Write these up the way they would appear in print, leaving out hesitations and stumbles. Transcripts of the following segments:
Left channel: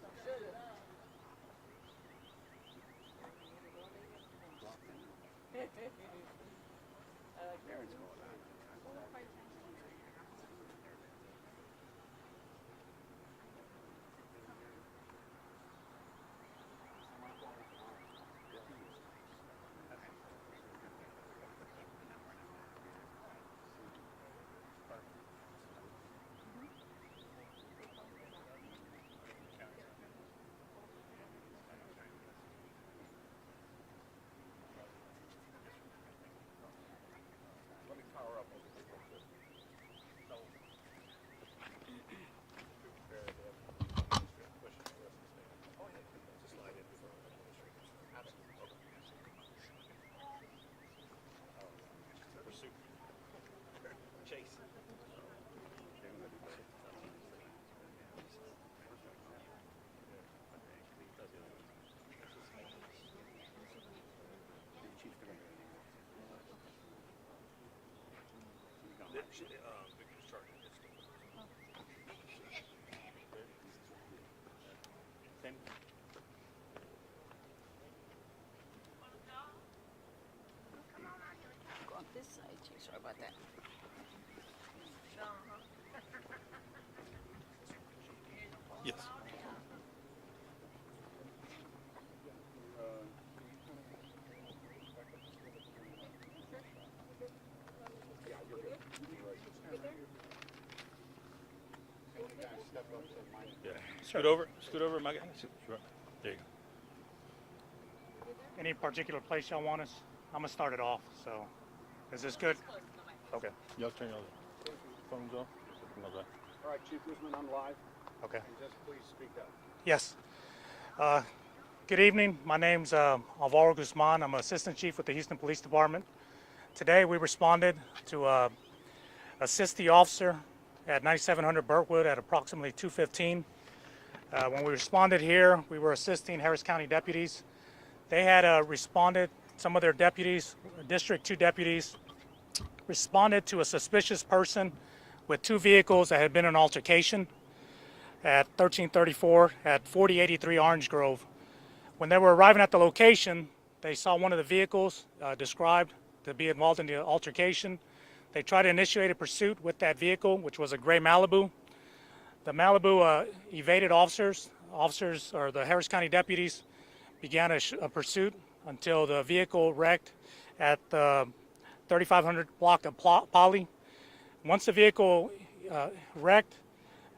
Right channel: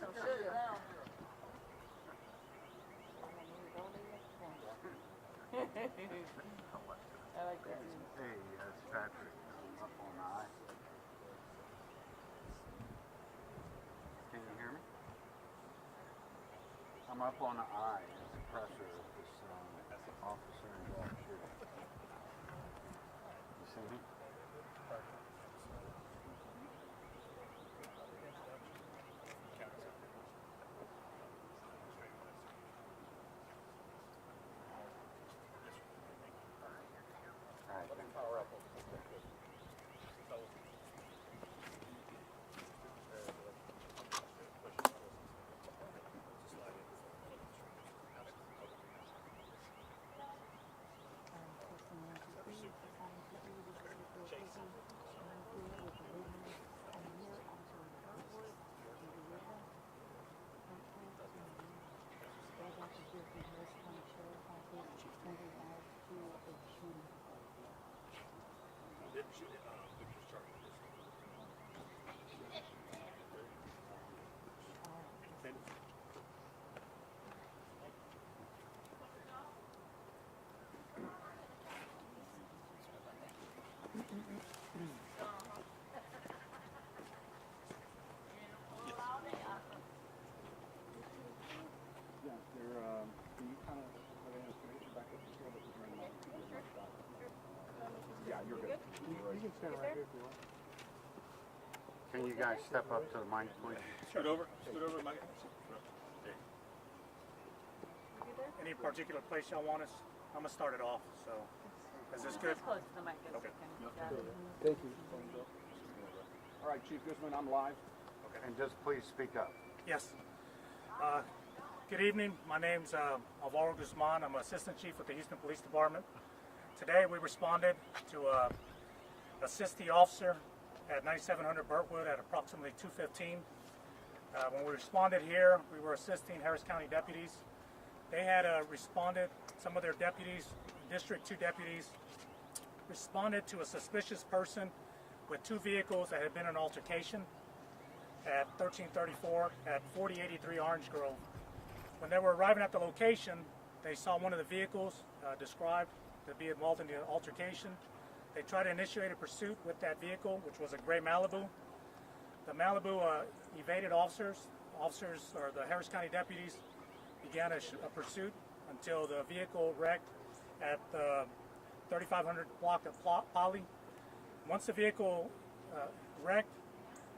I'm up on the eye. The pressure of this officer involved. You see me? Can you guys step up to the mic, please? Scoot over, Mike. There you go. Any particular place y'all want us? I'm gonna start it off. So, is this good? Okay. Y'all turn it over. Thank you. Thumbs up. Okay. All right, Chief Guzman, I'm live. Okay. And just please speak up. Yes. Good evening. My name's Alvaro Guzman. I'm Assistant Chief with the Houston Police Department. Today we responded to assist the officer at 9700 Burtwood at approximately 2:15. When we responded here, we were assisting Harris County deputies. They had responded, some of their deputies, District 2 deputies, responded to a suspicious person with two vehicles that had been in an altercation at 1334 at 4083 Orange Grove. When they were arriving at the location, they saw one of the vehicles described to be involved in the altercation. They tried to initiate a pursuit with that vehicle, which was a gray Malibu. The Malibu evaded officers. Officers, or the Harris County deputies, began a pursuit until the vehicle wrecked at the 3500 block of Poly. Once the vehicle wrecked,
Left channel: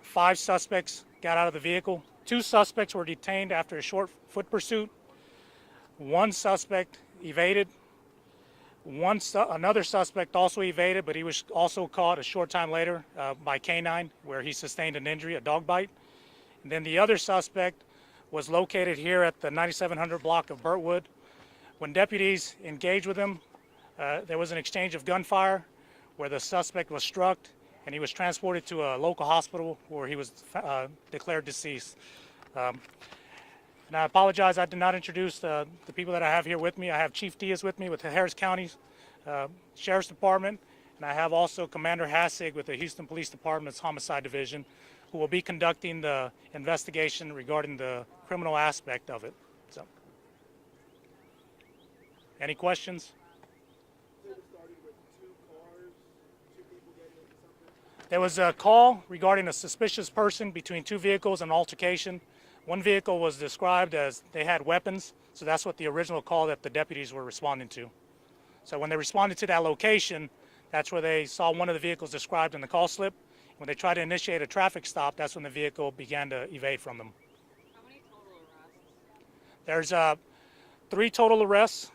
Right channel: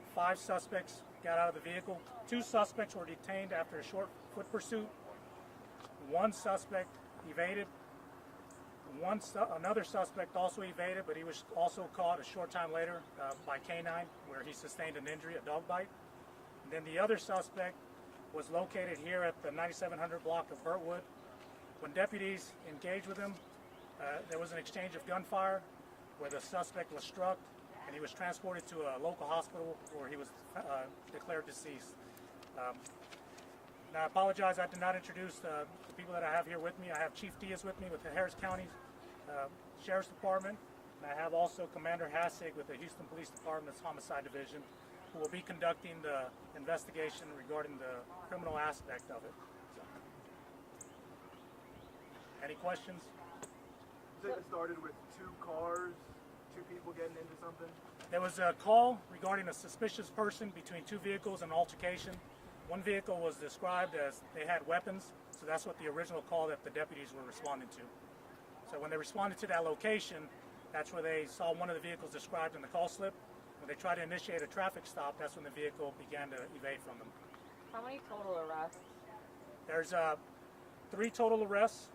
5 suspects got out of the vehicle. 2 suspects were detained after a short foot pursuit. 1 suspect evaded. Another suspect also evaded, but he was also caught a short time later by K9, where he sustained an injury, a dog bite. And then the other suspect was located here at the 9700 block of Burtwood. When deputies engaged with him, there was an exchange of gunfire where the suspect was struck, and he was transported to a local hospital where he was declared deceased. And I apologize, I did not introduce the people that I have here with me. I have Chief Diaz with me with the Harris County Sheriff's Department, and I have also Commander Hassig with the Houston Police Department's Homicide Division, who will be conducting the investigation regarding the criminal aspect of it. So, any questions? You said it started with 2 cars, 2 people getting into something? There was a call regarding a suspicious person between 2 vehicles, an altercation. One vehicle was described as they had weapons, so that's what the original call that the deputies were responding to. So when they responded to that location, that's where they saw one of the vehicles described in the call slip. When they tried to initiate a traffic stop, that's when the vehicle began to evade from them. How many total arrests? There's 3 total arrests.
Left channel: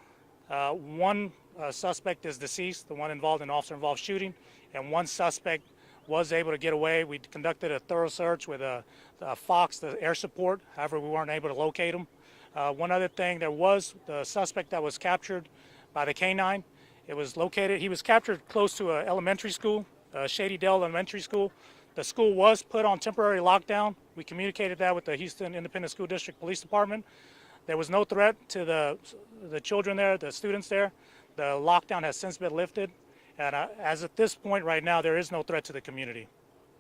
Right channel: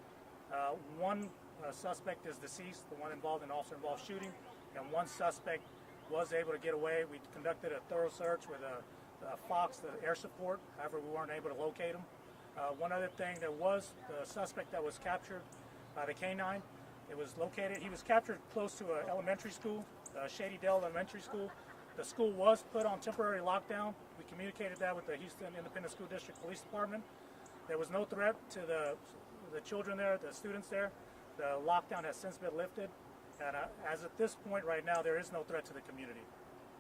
1 suspect is deceased, the one involved in officer-involved shooting, and 1 suspect was able to get away. We conducted a thorough search with a Fox, the air support. However, we weren't able to locate him. One other thing, there was the suspect that was captured by the K9. It was located, he was captured close to an elementary school, Shady Dell Elementary School. The school was put on temporary lockdown. We communicated that with the Houston Independent School District Police Department. There was no threat to the children there, the students there. The lockdown has since been lifted. And as at this point right now, there is no threat to the community.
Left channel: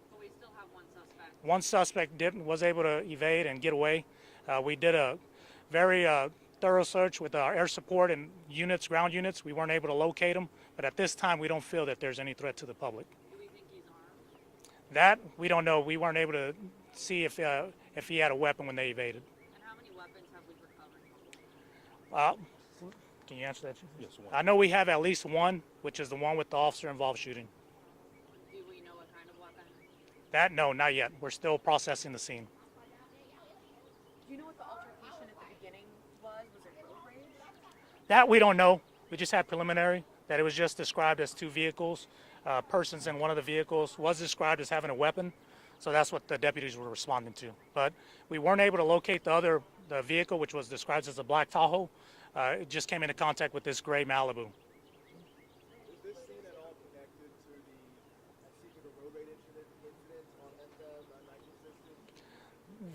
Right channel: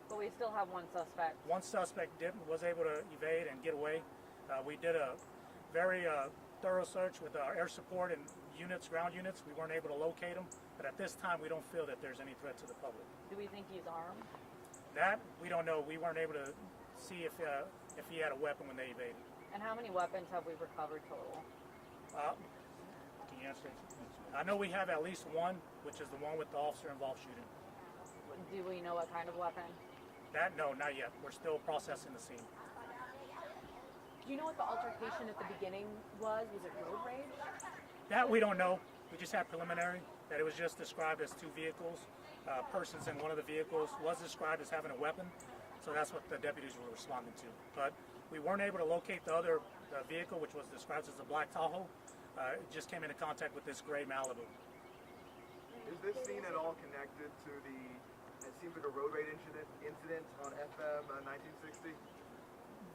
But But we still have one suspect. One suspect was able to evade and get away. We did a very thorough search with our air support and units, ground units. We weren't able to locate him, but at this time we don't feel that there's any threat to the public. Do we think he's armed? That we don't know. We weren't able to see if he had a weapon when they evaded. And how many weapons have we recovered total? Can you answer that? Yes, I know we have at least one, which is the one with the officer-involved shooting. Do we know what kind of weapon? That, no, not yet. We're still processing the scene. Do you know what the altercation at the beginning was? Was it road rage? That we don't know. We just had preliminary that it was just described as two vehicles. Persons in one of the vehicles was described as having a weapon, so that's what the deputies were responding to. But we weren't able to locate the vehicle, which was described as a black Tahoe. It just came into contact with this gray Malibu. Is this scene at all connected to it seems like a road rage incident on FM 1960?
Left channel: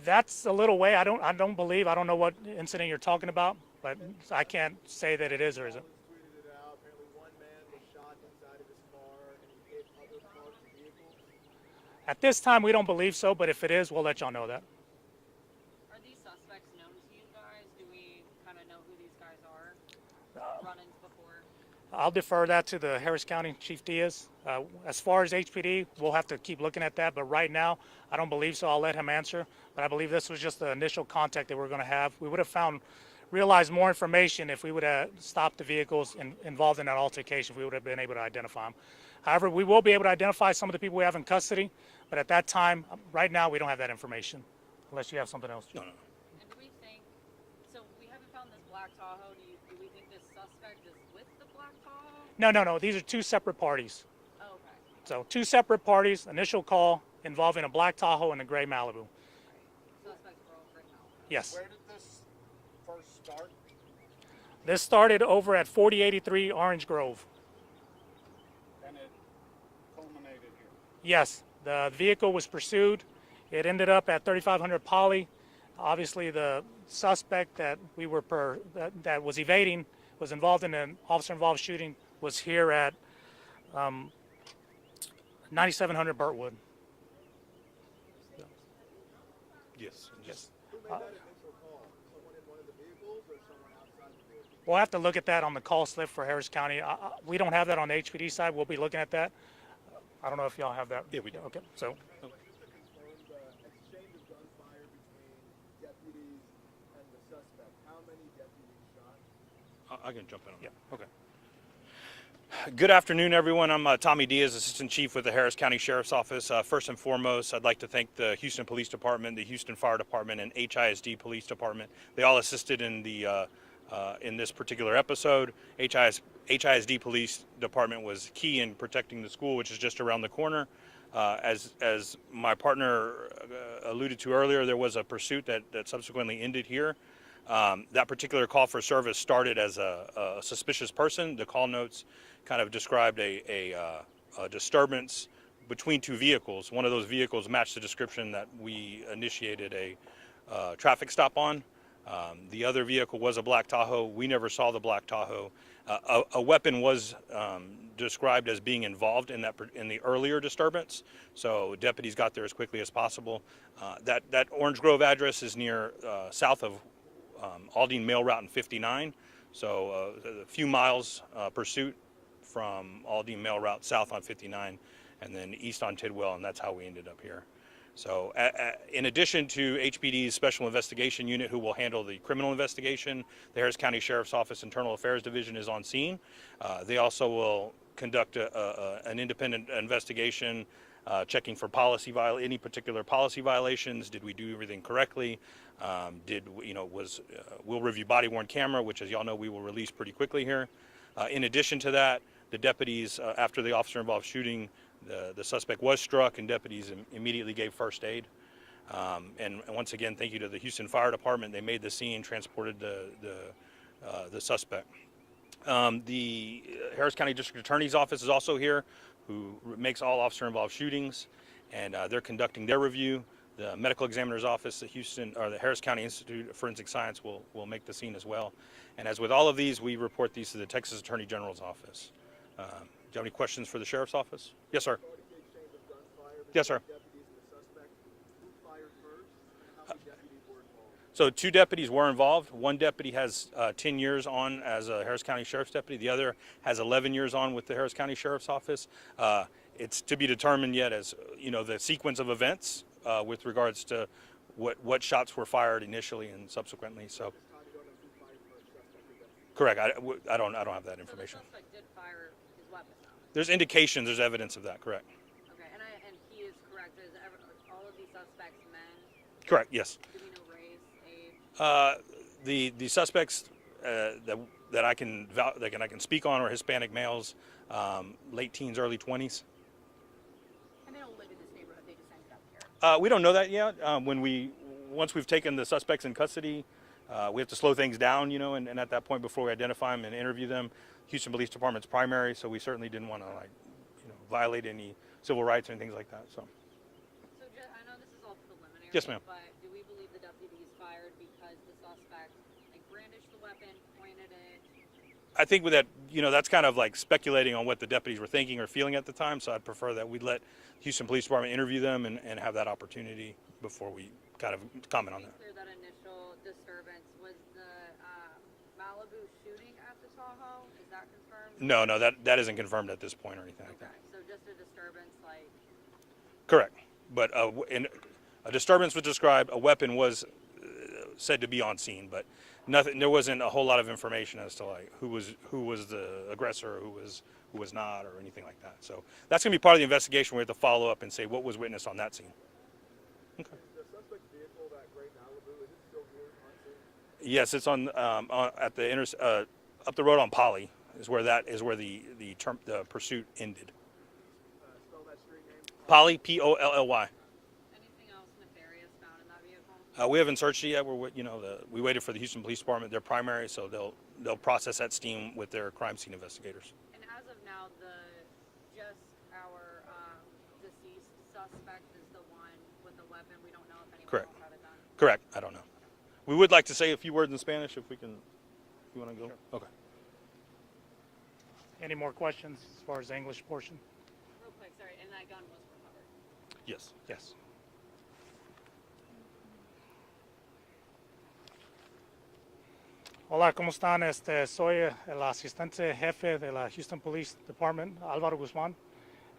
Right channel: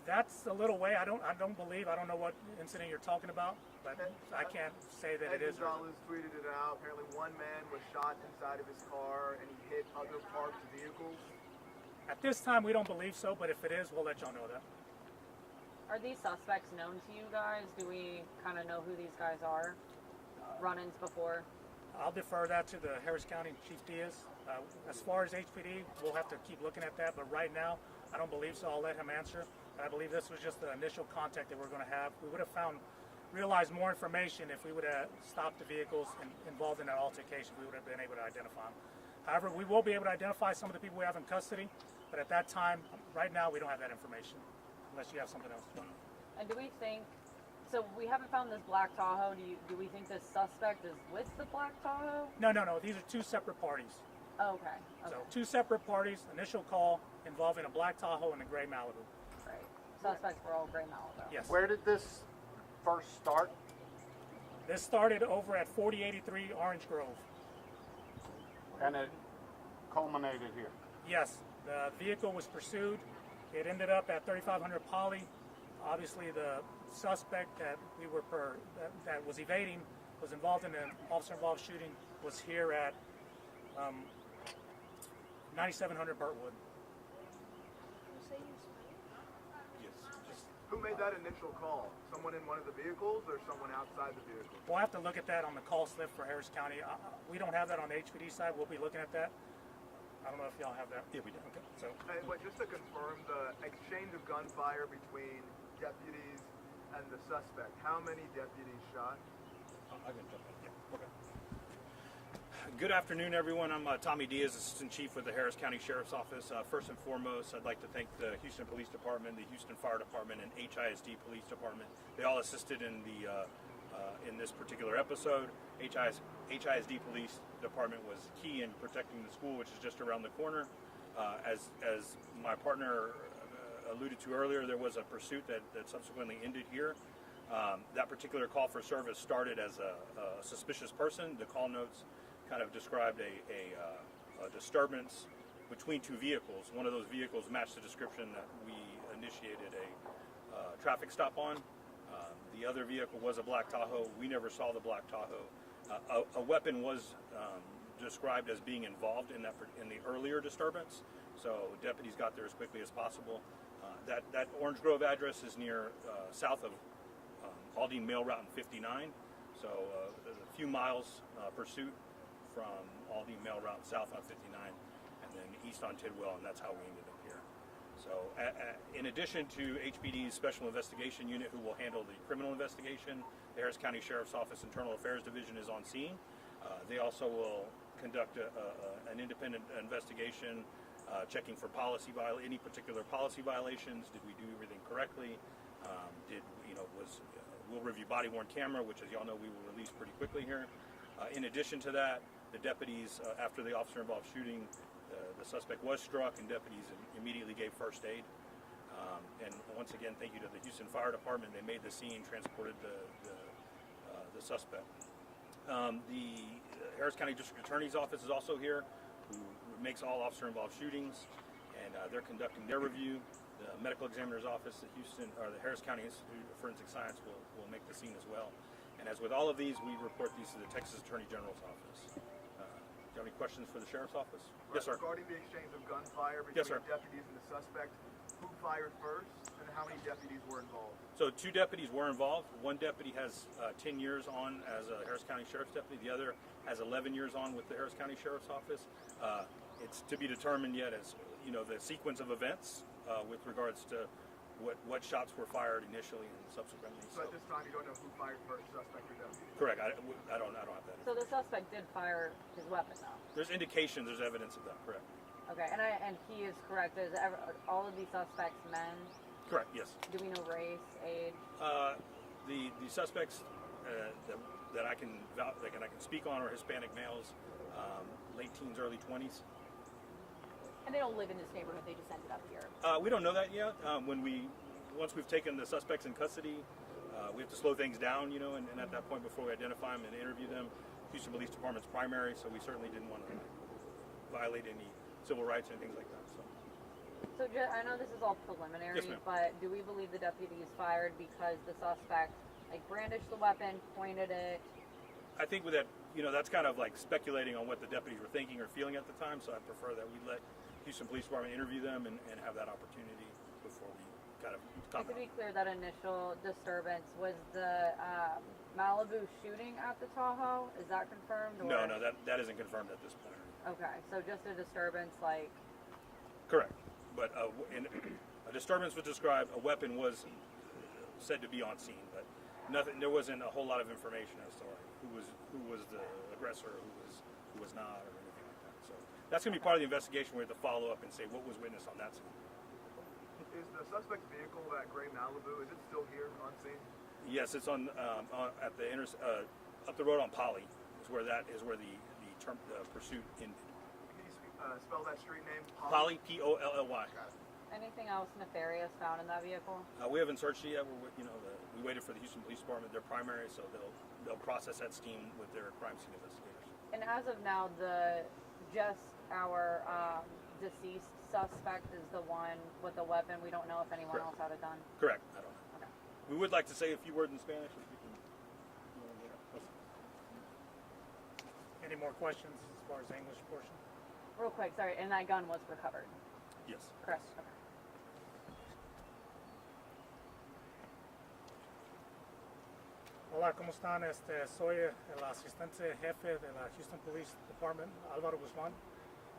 That's a little way. I don't know what incident you're talking about, but I can't say that it is or isn't. Gonzalez tweeted it out. Apparently one man was shot inside of his car and he hit other parked vehicles. At this time, we don't believe so, but if it is, we'll let y'all know that. Are these suspects known to you guys? Do we kind of know who these guys are? Run-ins before? I'll defer that to the Harris County Chief Diaz. As far as HPD, we'll have to keep looking at that, but right now, I don't believe so. I'll let him answer, but I believe this was just the initial contact that we're going to have. We would have realized more information if we would have stopped the vehicles involved in that altercation. We would have been able to identify them. However, we will be able to identify some of the people we have in custody, but at that time, right now, we don't have that information, unless you have something else. And do we think, so we haven't found this black Tahoe. Do we think this suspect is with the black Tahoe? No. These are two separate parties. Oh, okay. So two separate parties, initial call involving a black Tahoe and a gray Malibu. Right. Suspects were all gray Malibu. Yes. Where did this first start? This started over at 4083 Orange Grove. And it culminated here. Yes, the vehicle was pursued. It ended up at 3500 Poly. Obviously, the suspect that that was evading was involved in an officer-involved shooting was here at 9700 Burtwood. Yes. Who made that initial call? Someone in one of the vehicles or someone outside the vehicle? We'll have to look at that on the call slip for Harris County. We don't have that on the HPD side. We'll be looking at that. I don't know if y'all have that. Yeah, we do. Okay, so And just to confirm, the exchange of gunfire between deputies and the suspect, how many deputies shot? I can jump in. Yeah. Okay. Good afternoon, everyone. I'm Tommy Diaz, Assistant Chief with the Harris County Sheriff's Office. First and foremost, I'd like to thank the Houston Police Department, the Houston Fire Department, and HISD Police Department. They all assisted in this particular episode. HISD Police Department was key in protecting the school, which is just around the corner. As my partner alluded to earlier, there was a pursuit that subsequently ended here. That particular call for service started as a suspicious person. The call notes kind of described a disturbance between two vehicles. One of those vehicles matched the description that we initiated a traffic stop on. The other vehicle was a black Tahoe. We never saw the black Tahoe. A weapon was described as being involved in the earlier disturbance, so deputies got there as quickly as possible. That Orange Grove address is near south of Aldine Mail Route and 59, so a few miles pursuit from Aldine Mail Route south on 59 and then east on Tidwell, and that's how we ended up here. So in addition to HPD's Special Investigation Unit, who will handle the criminal investigation, the Harris County Sheriff's Office Internal Affairs Division is on scene. They also will conduct an independent investigation, checking for any particular policy violations. Did we do everything correctly? We'll review body-worn camera, which, as y'all know, we will release pretty quickly here. In addition to that, the deputies, after the officer-involved shooting, the suspect was struck, and deputies immediately gave first aid. And once again, thank you to the Houston Fire Department. They made the scene, transported the suspect. The Harris County District Attorney's Office is also here, who makes all officer-involved shootings, and they're conducting their review. The Medical Examiner's Office, the Harris County Institute of Forensic Science will make the scene as well. And as with all of these, we report these to the Texas Attorney General's Office. Do you have any questions for the Sheriff's Office? Yes, sir. Regarding the exchange of gunfire between Yes, sir. deputies and the suspect. Who fired first, and how many deputies were involved? So 2 deputies were involved. 1 deputy has 10 years on as a Harris County Sheriff's deputy. The other has 11 years on with the Harris County Sheriff's Office. It's to be determined yet as, the sequence of events with regards to what shots were fired initially and subsequently. So So at this time, you don't know who fired first, suspect or deputy? correct. I don't have that So the information. suspect did fire his weapon, though. There's indications. There's evidence of that. Correct. Okay, and he is correct. All of these suspects men? Correct. Yes. Do we know race, age? The suspects that I can speak on are Hispanic males, late teens, early 20s. And they don't live in this neighborhood. They just ended up here. We don't know that yet. Once we've taken the suspects in custody, we have to slow things down, and at that point, before we identify them and interview them, Houston Police Department's primary. So we certainly didn't want to violate any civil rights or things like that. So I know this is all preliminary. Yes, ma'am. But do we believe the deputies fired because the suspect brandished the weapon, pointed it? I think with that, that's kind of like speculating on what the deputies were thinking or feeling at the time. So I'd prefer that we'd let Houston Police Department interview them and have that opportunity before we kind of comment To on be that. clear, that initial disturbance was the Malibu shooting at the Tahoe. Is that confirmed? No, or- that isn't confirmed at this point or anything. Like Okay, so just a disturbance, Correct. But in a disturbance was described. A weapon was said to be on scene, but nothing. There wasn't a whole lot of information as to who was the aggressor, who was not, or anything like that. So that's going to be part of the investigation. We have to follow up and say what was witnessed on that scene. Is the suspect's vehicle, that gray Malibu, is it still here on scene? Yes, it's on at the up the road on Poly is where the pursuit ended. Can you spell that street name? Poly, Polly. anything else nefarious found in that vehicle? We haven't searched it yet. We waited for the Houston Police Department, their primary, so they'll process that scene with their crime scene investigators. And as of now, our deceased suspect is the one with the weapon. We don't know if anyone Correct. else had a gun. Correct. I don't know. Okay. We would like to say a few words in Spanish if we can. You want to go? Okay. Any more questions as far as the English portion? Real quick, sorry, and that gun was recovered. Yes. Correct. Yes. Okay. Hola, ¿cómo están? Soy el asistente jefe de la Houston Police Department, Álvaro Guzmán.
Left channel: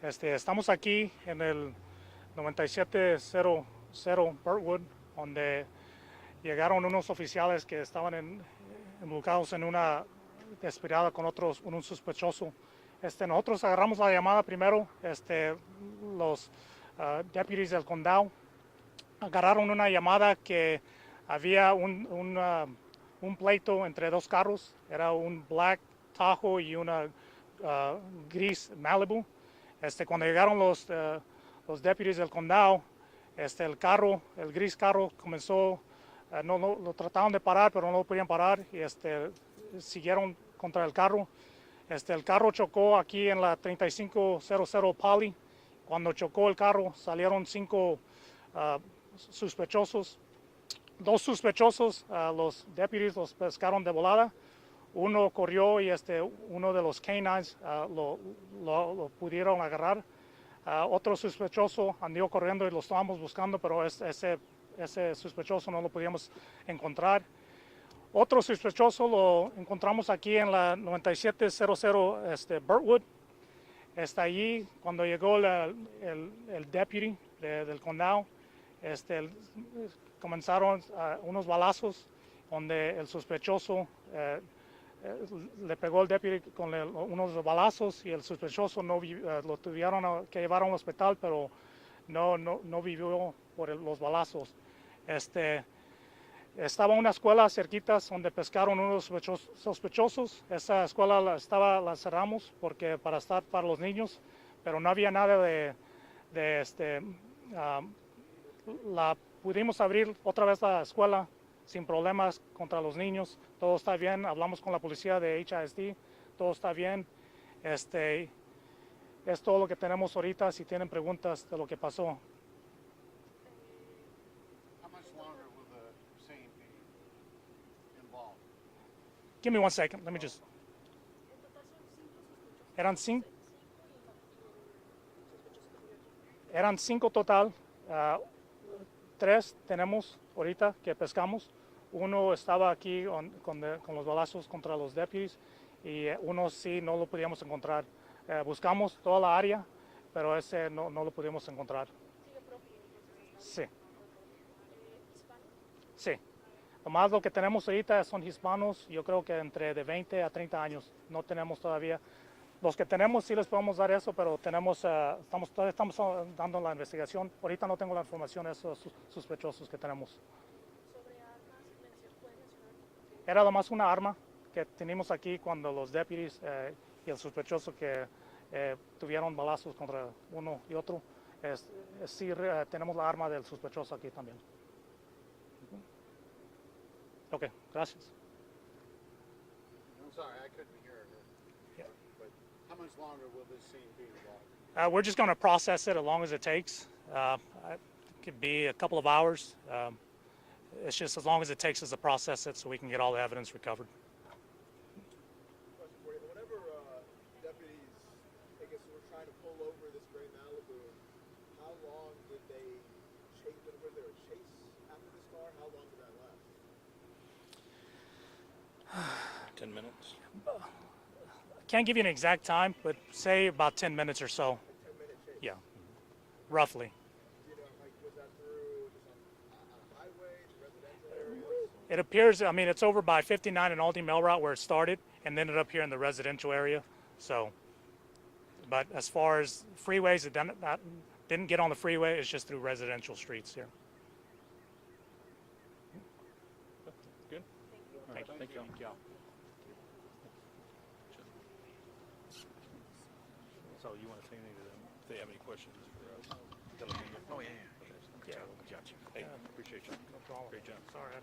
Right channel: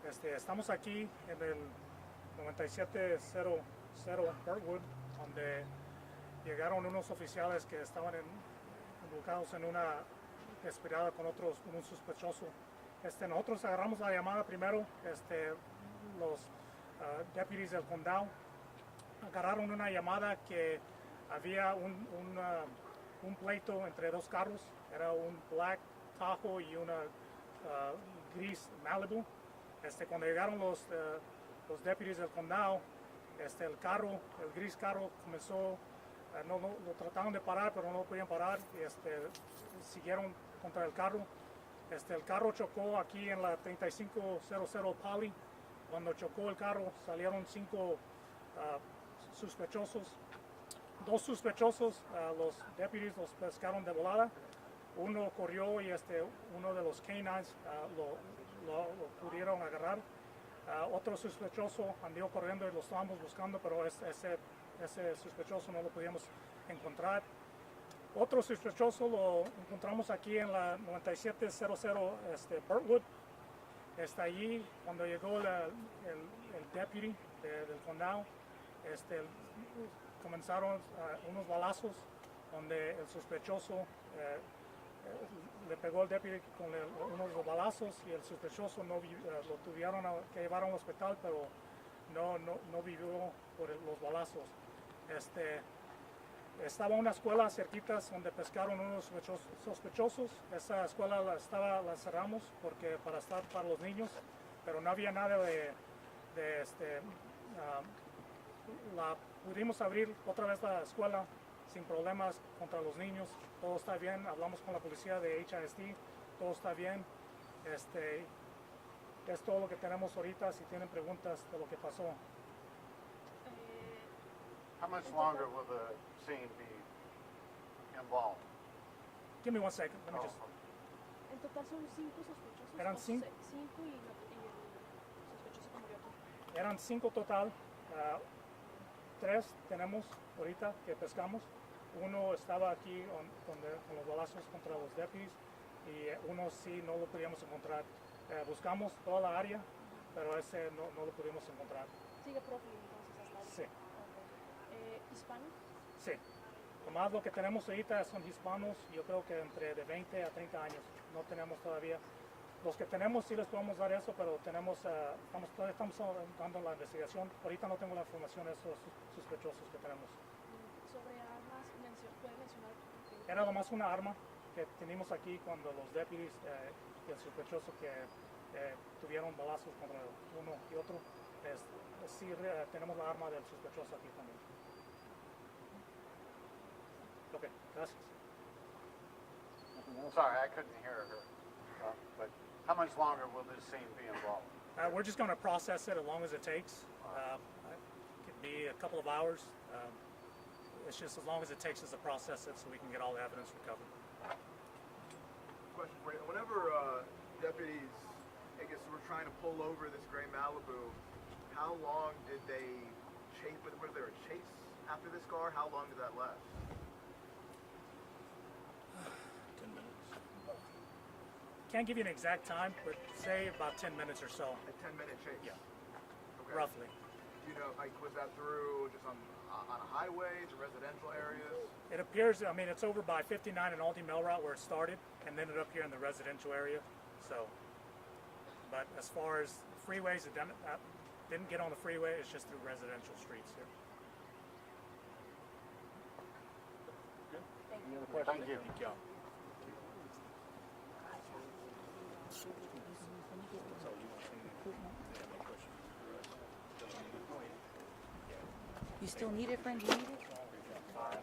Estamos aquí en el 9700 Burtwood, donde llegaron unos oficiales que estaban involucrados en una desesperada con un sospechoso. Nosotros agarramos la llamada primero, los deputies del condado agarraron una llamada que había un pleito entre dos carros, era un Black Tahoe y una gris Malibu. Cuando llegaron los deputies del condado, el gris carro comenzó, lo trataron de parar, pero no lo podían parar y siguieron contra el carro. El carro chocó aquí en la 3500 Poly. Cuando chocó el carro salieron 5 sospechosos. 2 sospechosos, los deputies los pescaron de volada. Uno corrió y uno de los canines lo pudieron agarrar. Otro sospechoso anduvo corriendo y lo estábamos buscando, pero ese sospechoso no lo podíamos encontrar. Otro sospechoso lo encontramos aquí en la 9700 Burtwood. Está allí cuando llegó el deputy del condado. Comenzaron unos balazos donde el sospechoso le pegó al deputy con unos balazos y el sospechoso lo tuvieron que llevar a un hospital, pero no vivió por los balazos. Estaba una escuela cerquitas donde pescaron unos sospechosos. Esa escuela la cerramos para estar para los niños, pero no había nada la pudimos abrir otra vez la escuela sin problemas contra los niños. Todo está bien. Hablamos con la policía de HISD. Todo está bien. Es todo lo que tenemos ahorita. Si tienen preguntas de lo que pasó. How much longer will the scene be involved? Give me 1 second. Let me just. En total son 5 sospechosos. ¿Eran 5? 5 y el sospechoso que murió aquí. Eran 5 total. 3 tenemos ahorita que pescamos. Uno estaba aquí con los balazos contra los deputies y uno sí no lo podíamos encontrar. Buscamos toda la área, pero ese no lo pudimos encontrar. Sigue prófugo entonces hasta Sí, ahora. ¿Hispanos? sí. Nomás lo que tenemos ahorita son hispanos, yo creo que entre de 20 a 30 años. No tenemos todavía. Los que tenemos sí les podemos dar eso, pero todavía estamos dando la investigación. Ahorita no tengo la información de esos sospechosos que tenemos. Sobre armas, ¿puede mencionar? Era nomás una arma que tenemos aquí cuando los deputies y el sospechoso que tuvieron balazos contra uno y otro. Sí, tenemos la arma del sospechoso aquí también. Ok, gracias. Sorry, I couldn't hear her. But how much longer will this scene be involved? We're just going to process it as long as it takes. It could be a couple of hours. It's just as long as it takes us to process it so we can get all the evidence recovered. Question for you. Whenever deputies, I guess, were trying to pull over this gray Malibu, how long did they chase? Was there a chase after this car? How long did that last? 10 minutes. Can't give you an exact time, but say about 10 minutes or so. A 10-minute chase? Yeah, Okay. roughly. You know, like, was that through just on a highway, to residential areas? It appears, I mean, it's over by 59 and Aldi Mill Route where it started, and ended up here in the residential area. So, but as far as freeways, it didn't get on the freeway. It's just through residential streets here. Good. Thank you. So you want to say anything? If they have any questions? Oh, yeah. Yeah, gotcha. You still need it, friend? You need it? Great job. All right.